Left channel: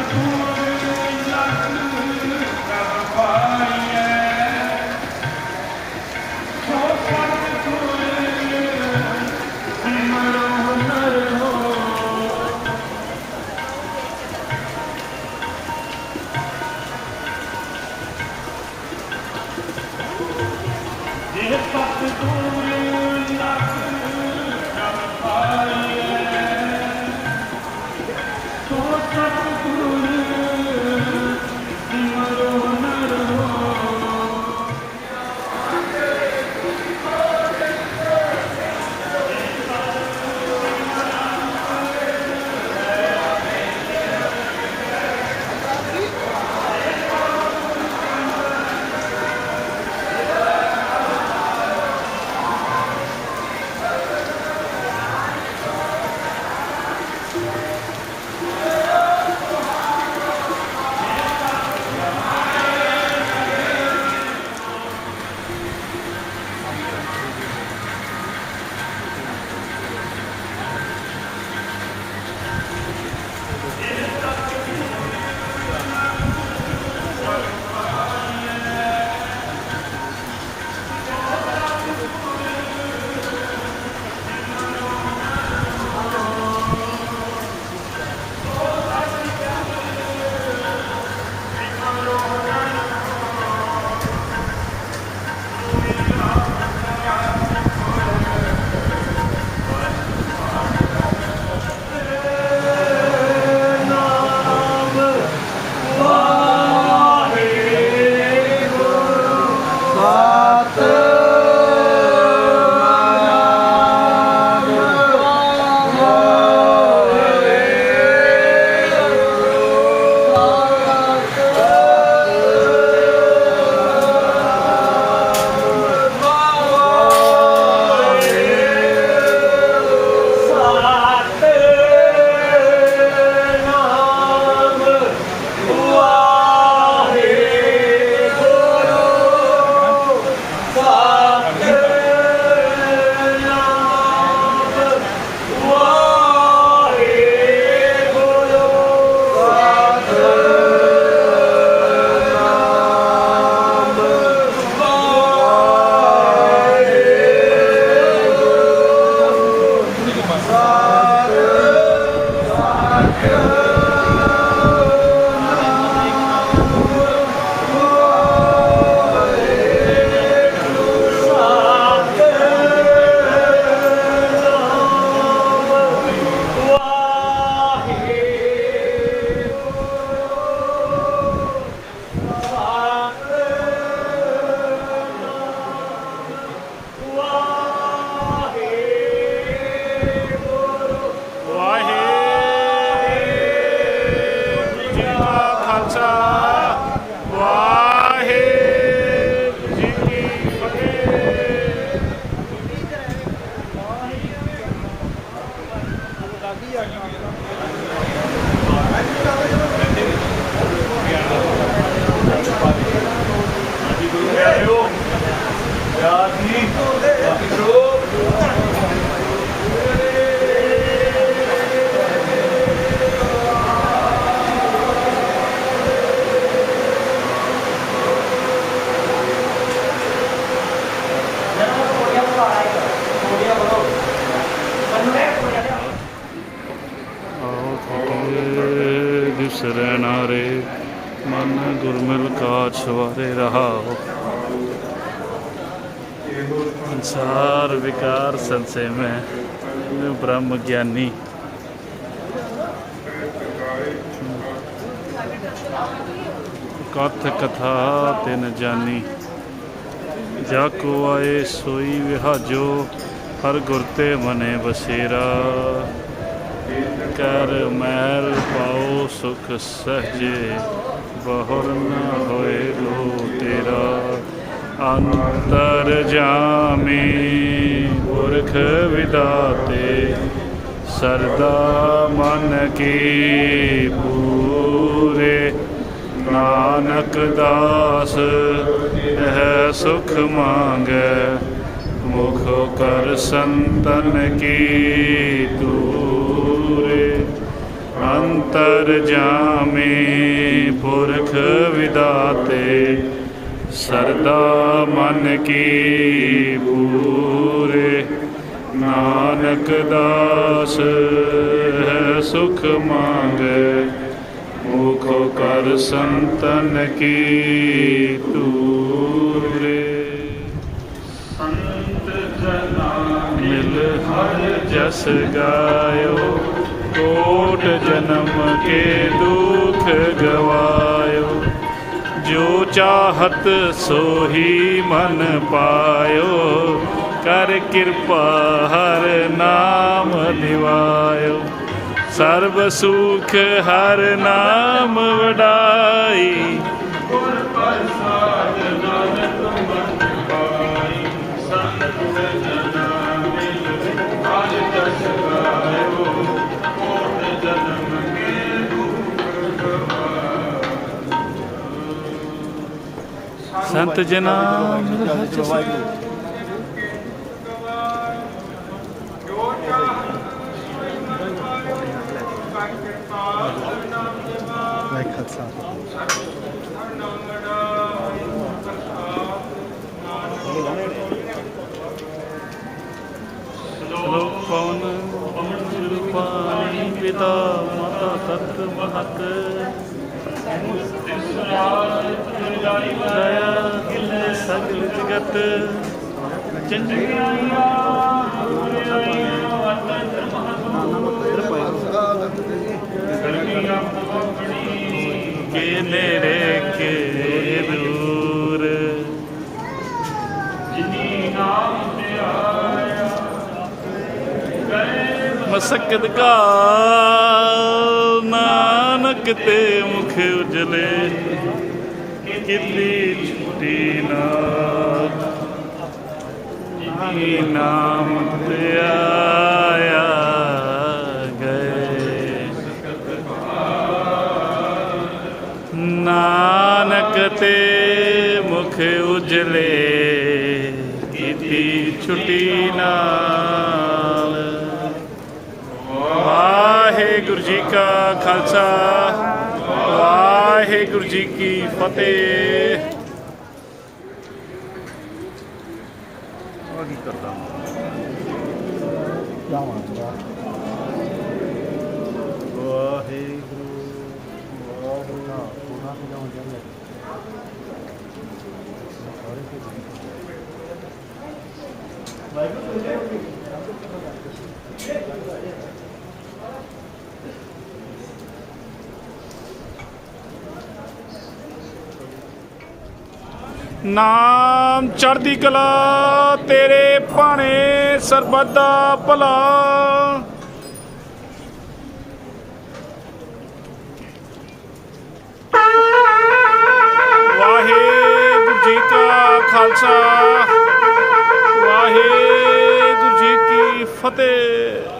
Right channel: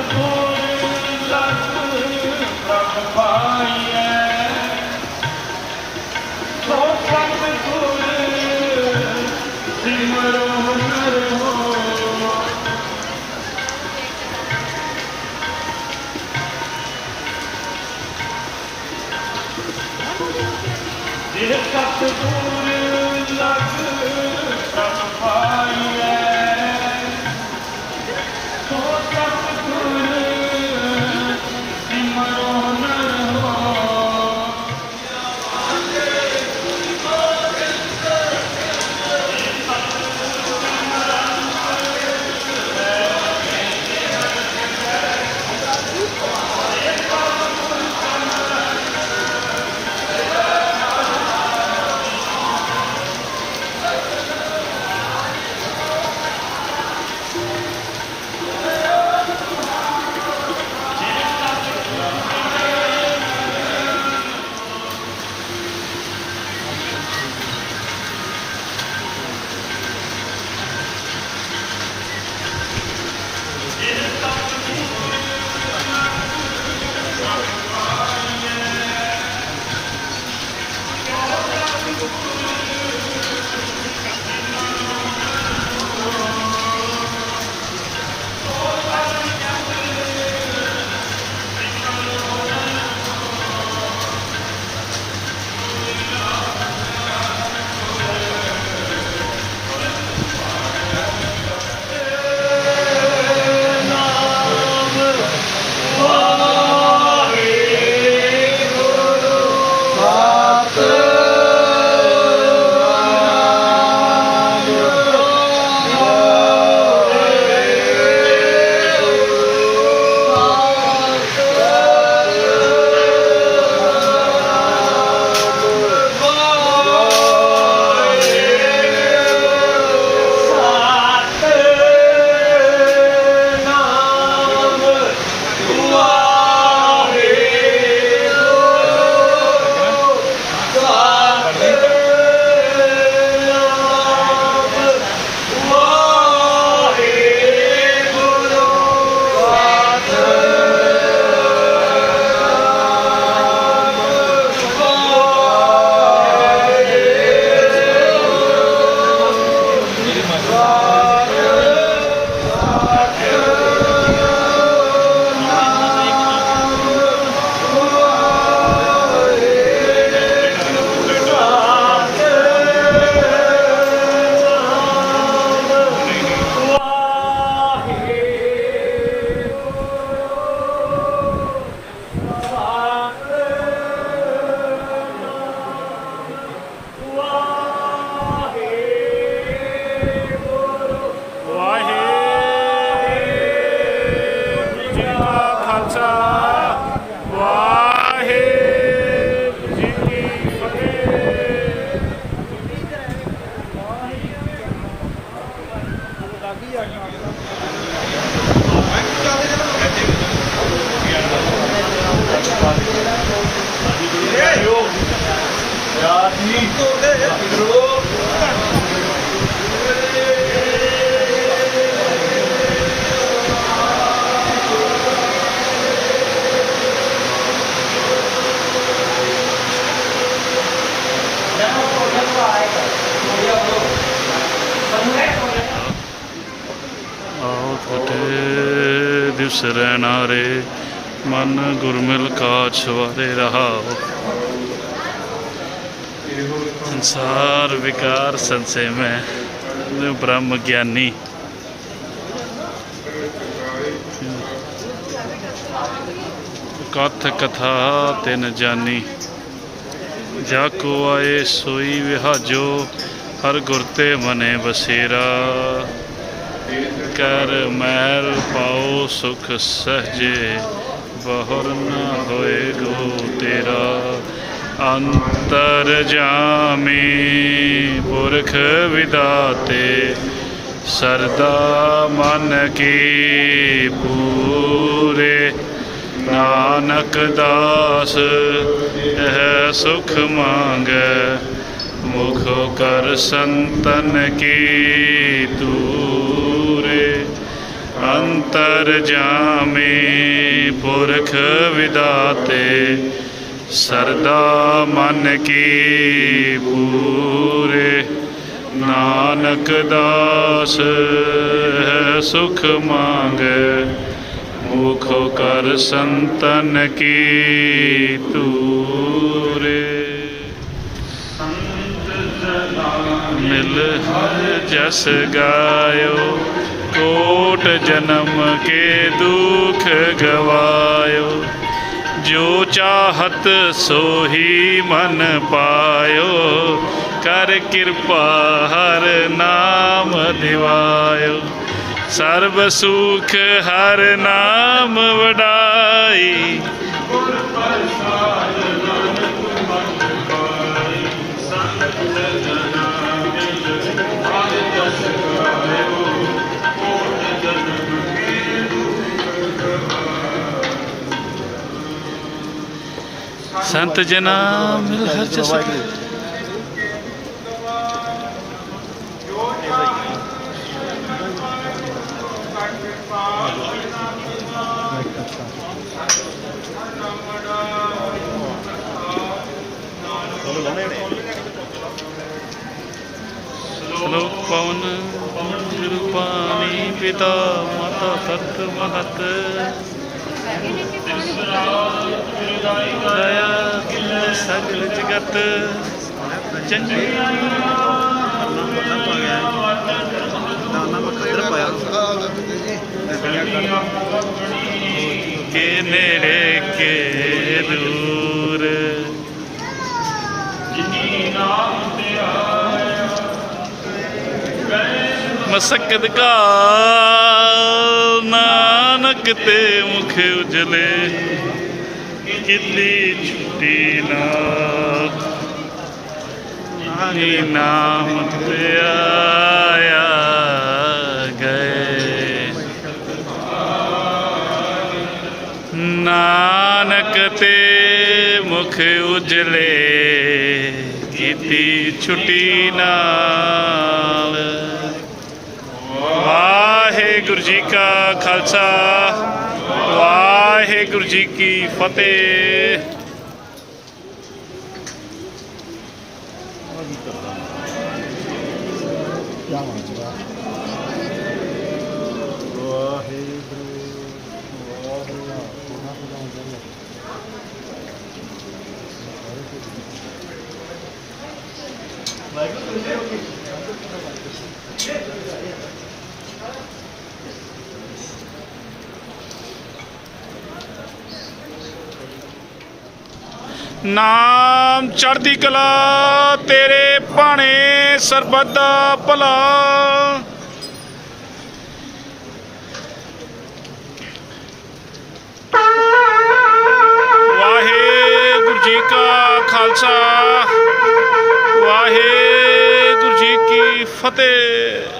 ਵਾਹਿਗੁਰੂ ਕਾ ਖਾਲਸਾ ਵਾਹਿਗੁਰੂ ਜੀ ਕੀ ਫਤਿਹ ਆਓ ਤੁਹਾਡੇ ਦਿਵਸ ਮਨ ਗੁਰਮਿਲ ਕਾਛ ਵਾਰੇ ਰਹਾਓ। ਸੰਸਾਰ ਵਿਕਾਰ ਸੰਸੇ ਮੈਂ ਜੋ ਬ੍ਰਹਮ ਗਿਆਨੀ। ਕਥ ਕਥਾ ਤਿਨ ਜਾਨੀ। ਜਾ ਕੋ ਆਏ ਸੋਈ ਵਿਹਾਜੋ, ਹਰ ਗੁਰ ਤੇ ਮਨੇ ਬਸੇਰਾ। ਕਰ ਮਹਿਲ ਪਾਓ ਸੁਖ ਸਹਜੇ, ਬਹੁਰ ਨ ਹੋਏ ਗੋ ਤੇਰਾ। ਅੰਤਰ ਜਾਮੀ ਪੁਰਖ ਵਿਦਾਤੇ, ਸਰਦਾ ਮਨ ਕੀ ਪੂਰੇ। ਨਾਨਕ ਦਾਸ, ਇਹ ਸੁਖ ਮੰਗੈ। ਮੁਖ ਕਰ ਸੰਤਨ ਕੀ ਤੂਰੇ ਅੰਤਰ ਜਾਮੇ ਪੁਰਖ ਵਿਦਾਤੇ, ਸਰਦਾ ਮਨ ਕੀ ਪੂਰੇ, ਨਾਨਕ ਦਾਸ ਹੈ ਸੁਖ ਮੰਗੈ, ਮੁਖੋ ਕਰ ਸੰਤਨ ਕੀ ਜਸ ਗਾਇਓ, ਕੋਟ ਜਨਮ ਕੇ ਦੁਖ ਗਵਾਇਓ। ਜੋ ਚਾਹਤ ਸੋਹੀ ਮਨ ਪਾਇਓ, ਕਰ ਕਿਰਪਾ ਹਰ ਨਾਮ ਦਿਵਾਇਓ। ਸਰਬ ਸੁਖ ਹਰ ਨਾਮ ਵਡਾਈ। ਸੰਤ ਜਨਾ ਮਿਲ ਹਰ ਜਸ ਸ਼ਲੋਕ ਪਵਨ ਗੁਰੂ ਪਿਤਾ ਮਾਤਾ ਤਤ ਮਹਤ। ਸਗਲ ਜਗਤ ਚੰਗੀ ਕੇ ਨੇੜੇ ਕੇ ਦੂਰ। ਮਸਕਦ ਕਾ ਨਾਨਕ ਤੇ ਮੁਖ ਉਜਲੇ। ਕਿਤੇ ਛੁੱਟੀ ਨਾ। ਨੀ ਨਾਮ ਤੇ ਆਇਆ ਗਏ। ਨਾਨਕ ਤੇ ਮੁਖ ਉਜਲੇ, ਕੀਤੀ ਛੁੱਟੀ ਨਾਲ। ਵਾਹਿਗੁਰੂ ਜੀ ਕਾ ਖਾਲਸਾ। ਵਾਹਿਗੁਰੂ ਜੀ ਕੀ ਫਤਿਹ ਨਾਮ ਚੜ੍ਹਦੀ ਕਲਾ, ਤੇਰੇ ਭਾਣੇ ਸਰਬੱਤ ਦਾ ਭਲਾ। ਵਾਹਿਗੁਰੂ ਜੀ ਕਾ ਖਾਲਸਾ, ਵਾਹਿਗੁਰੂ ਜੀ ਕੀ ਫਤਿਹ।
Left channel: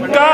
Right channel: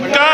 Lanka!